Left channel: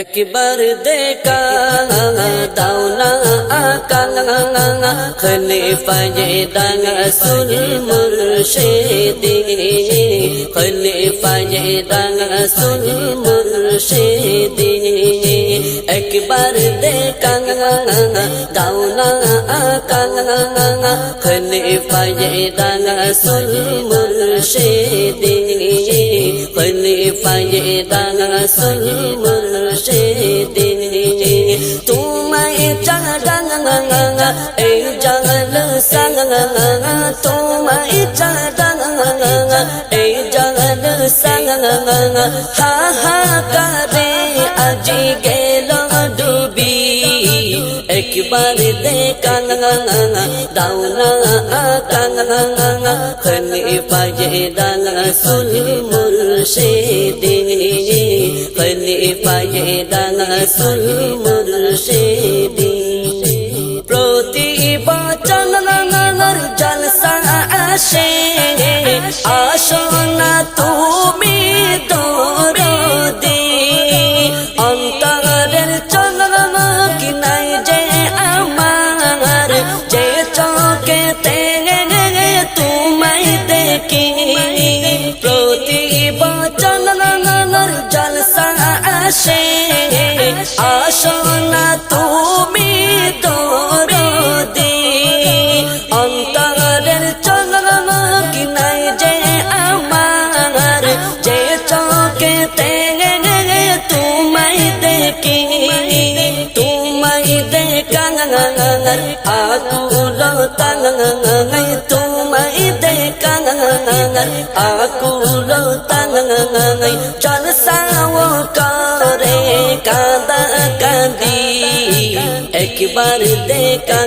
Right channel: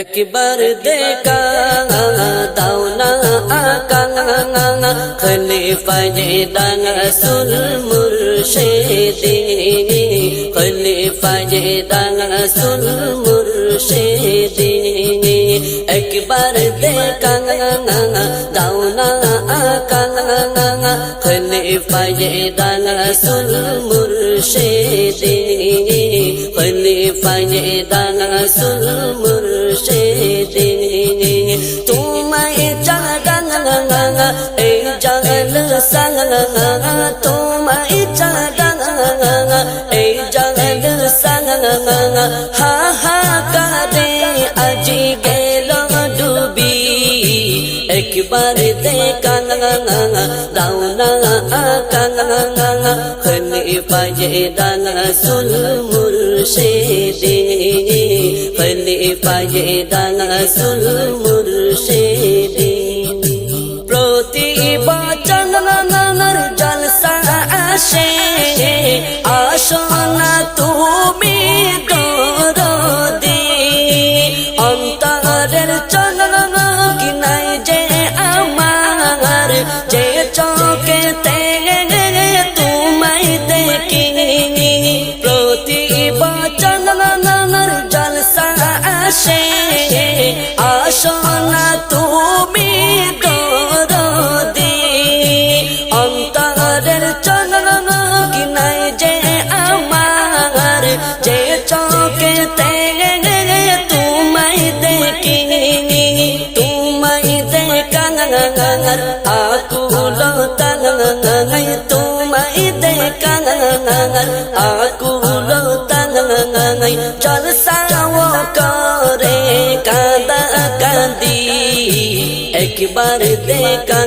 একবার দেখা দাও না আকা খলিফায়ে রাসূল মুর্শিদি খলিফায়ে রাসূল মুর্শিদি একবার দেখা দাও না আকা খলিফায়ে রাসূল মুর্শিদি খলিফায়ে রাসূল মুর্শিদি तुम्हारे चाँदा ए जल संग तुम्हारे चाँदा ए जल संग हा हा करे अजी गेलो डूबी एक बार देखा दाउना आका खलीफाये रासूल मुर्शिदी खलीफाये रासूल मुर्शिदी प्रति बचन जलसा आशे आशो ना तुमी दरदी अंतरेर चलन कि नाई जे आमार जे चोखेते तुमाई देखी प्रति बचन जलसा आशे आशो ना तुमी दरदी अंतरेर चलन कि नाई जे आमार जे चोखेते तुमाई देखी तुमाई देखा आकुलो तंगाई तुमाई देखा आकुलो तंगाई जलसाओ करे कांदा कांदी एक बार देखा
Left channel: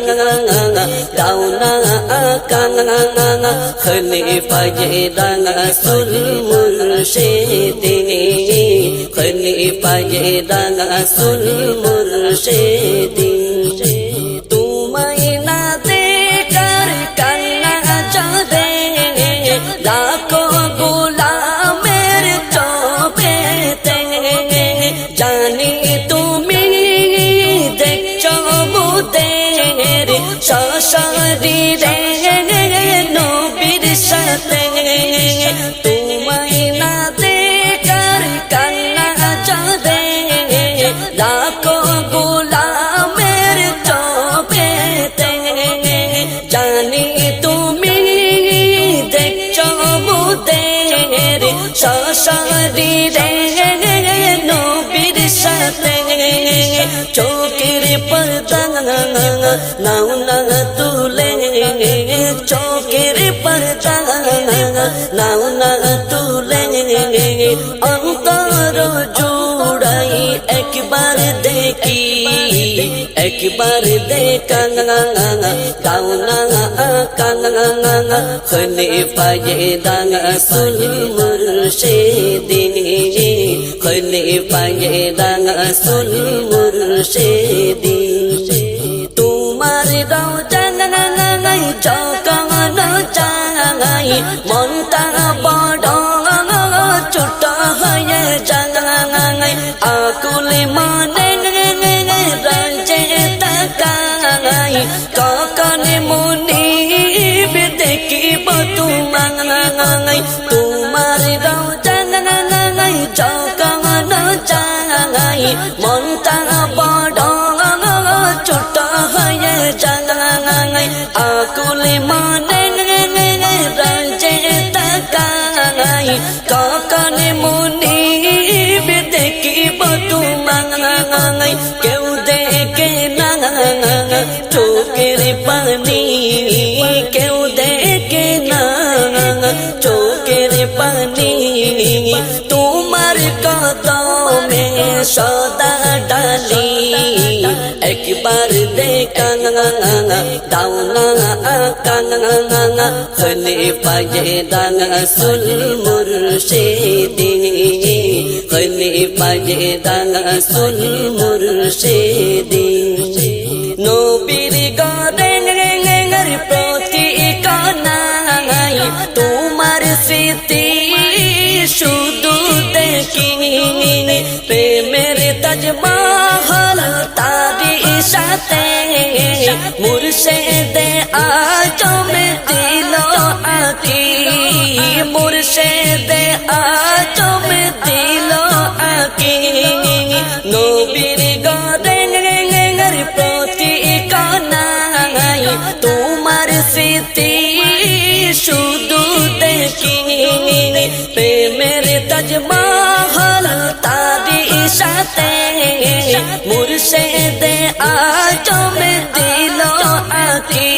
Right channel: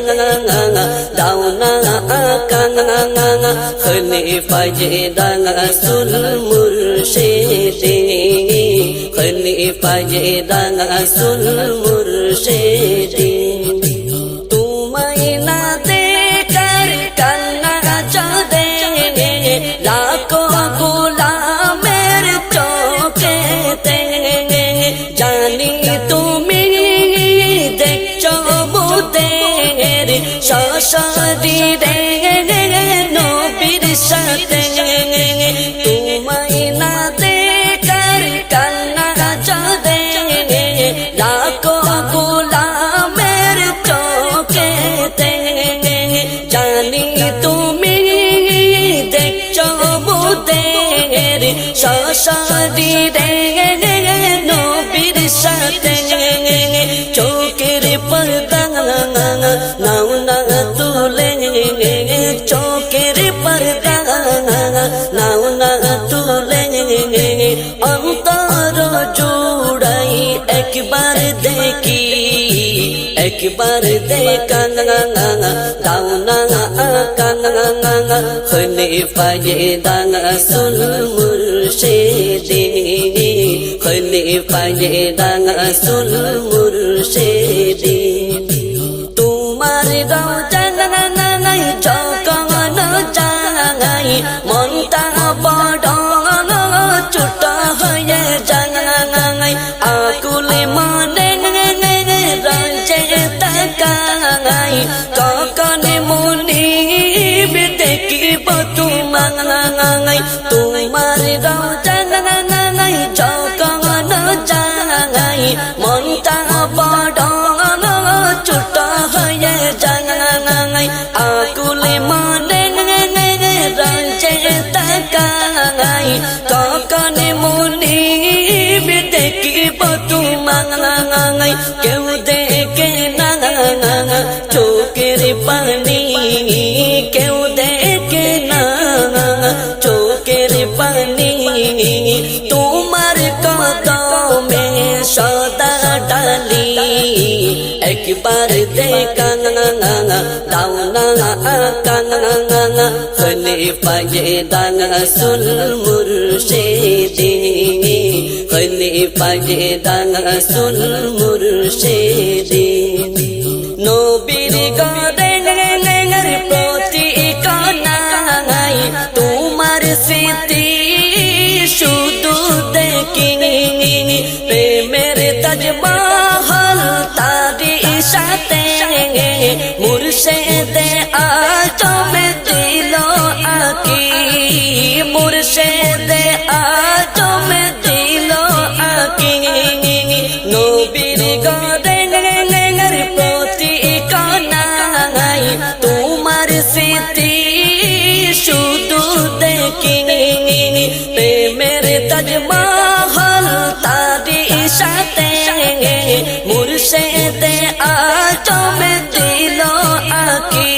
दाउना आका खलीफाये रासूल मुर्शिदी खलीफाये रासूल मुर्शिदी तुम्हारी ना देकर कन्ना जादे लाखों गुलामेर चोखेते जानी तुम्हें देखो मुदेर शाशारी रे नबीर साथे तुम्हारी ना देकर कन्ना जादे लाखों गुलामेर चोखेते जानी तुम्हें देखो मुदेर शाशारी रे नबीर साथे चोखेर पर्दा नाउ ना तुले चोखेर पर्दा नाउ ना तुले अंतर जुड़ाई एक बार देखी एक बार देखा दाउना आका खलीफाये रासूल मुर्शिदी खलीफाये रासूल मुर्शिदी तुम्हारे रौजन जगन जाई मनता बड़ चुट हये जाई आकुले माने रंजे तकाई ककने मुनि देखिब तुमाई तुम्हारे रौजन जगन जाई मनता बड़ चुट हये जाई आकुले माने रंजे तकाई ककने मुनि देखिब तुमाई केउ देखे ना चोखेर पानी केउ देखे ना चोखेर पानी तुम्हार कदमे सदा डाली एक बार देखा दाउना आका खलीफाये रासूल मुर्शिदी खलीफाये रासूल मुर्शिदी नबीर गरे प्रति कानाई तुम्हार स्मृति शुद्ध देखी প্রেমের তাজমহল তারি সাথে মুর্শিদে আজম দিল আকি মুর্শিদে আজম দিল আকি নবীর গরের প্রতি কানাই তোমার স্মৃতি শুধু দেখি প্রেমের তাজমহল তারি সাথে মুর্শিদে আজম দিল আকি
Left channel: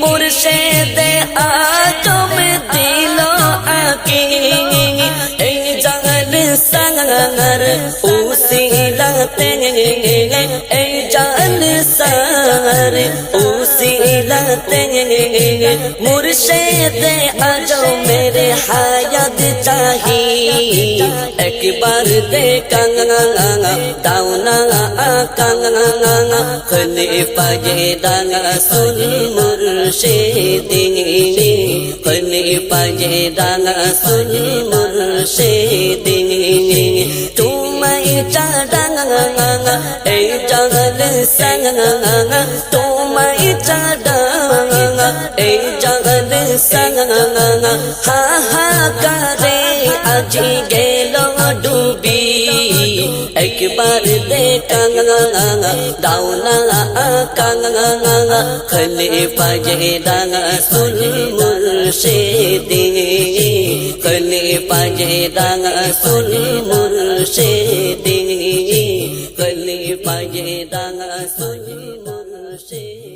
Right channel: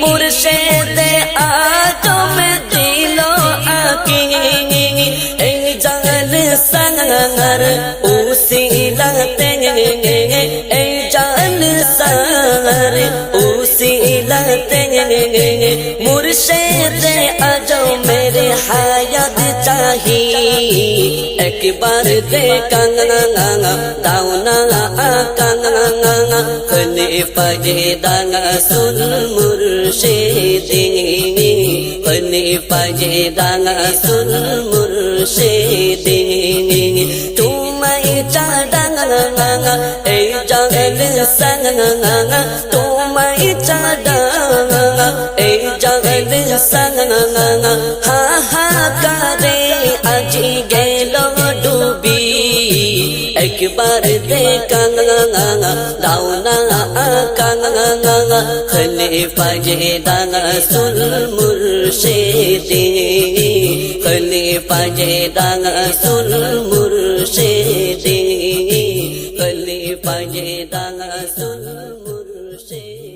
মুর্শিদে আজম দিল আকি এই জাল সাঙ্গার উসিলাতে এই জাল সার উসিলাতে মুর্শিদে আজম মেরে হায়াত চাহি একবার দেখানা দাও না আকানা খলিফা যে রাসূল মুর্শিদিন খলিফা যে রাসূল মুর্শিদিন তোমায় চাঁদা এই জাল সাঙ্গা তোমায় চাঁদা এই জাল সাঙ্গা হা হা করে আজি গেল ডুবি একবার দেখানা দাও না আকানা খলিফা যে রাসূল মুর্শিদিন খলিফা যে রাসূল মুর্শিদিন খলিফা যে রাসূল মুর্শিদিন